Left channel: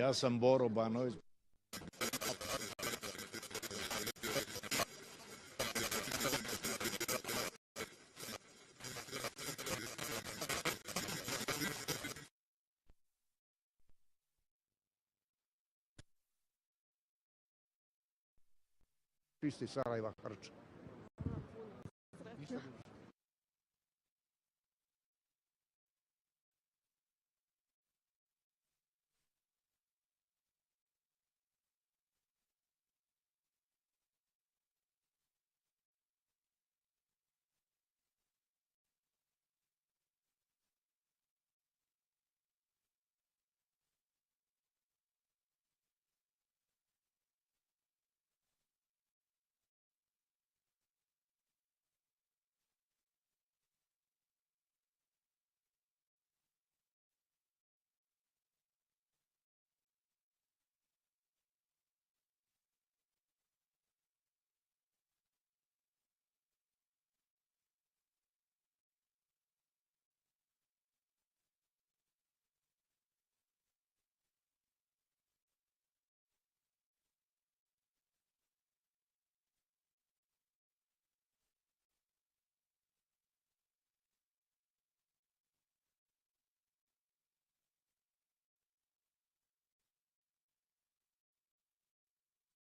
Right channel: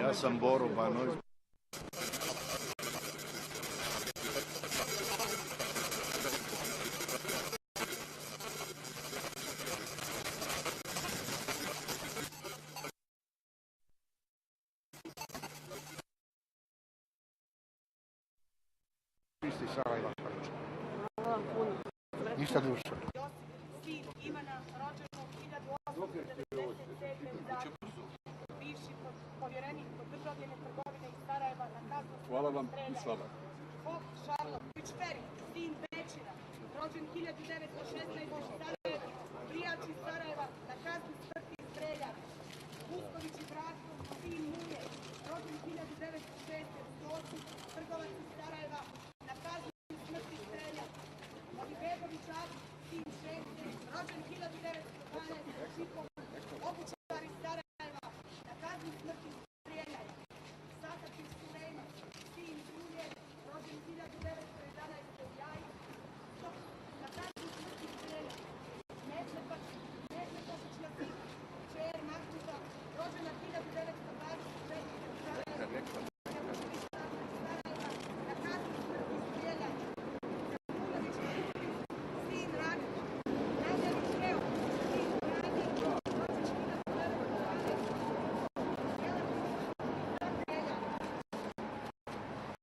Ja sam Boro Banović. Isti Sarajeva Hrvatska. Ništa društvo. Sin Ivana, rođenog 1897. za bivši povjerenik kod državljene trgovine iz Sarajeva na kaznu. Hvala vam i slava. Fok Šarlović Feri, sin Bečina, rođen 1916.